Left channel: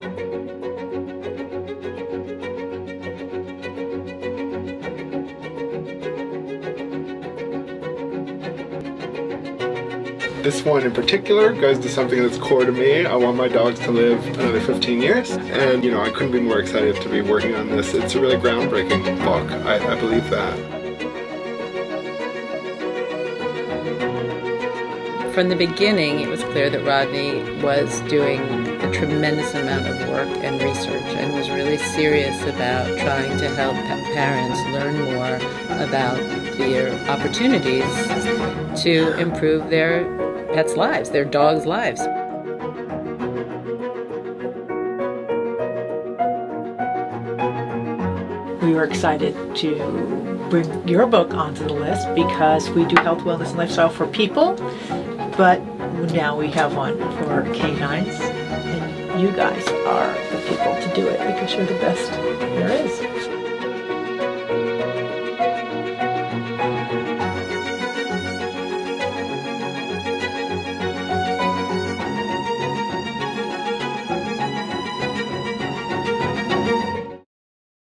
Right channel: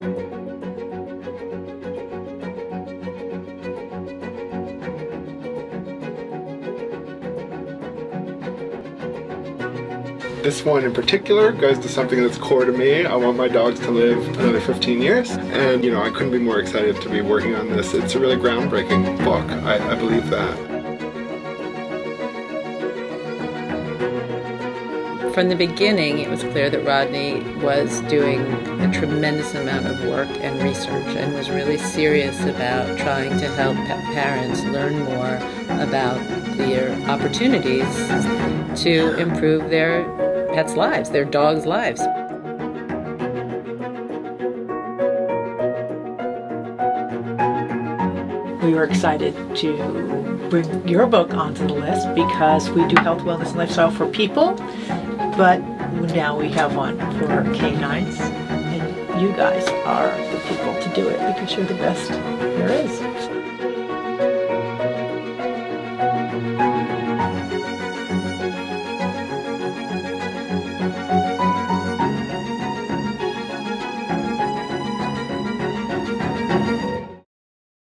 This one in particular goes to something that's core to me. I want my dogs to live another 15 years. And, you know, I couldn't be more excited to be working on this. It's a really groundbreaking book. I believe that. From the beginning, it was clear that Rodney was doing a tremendous amount of work and research and was really serious about trying to help parents learn more about their opportunities to improve their pets' lives, their dogs' lives. We were excited to bring your book onto the list because we do health, wellness, and lifestyle for people, but now we have one for canines, and you guys are the people to do it because you're the best there is.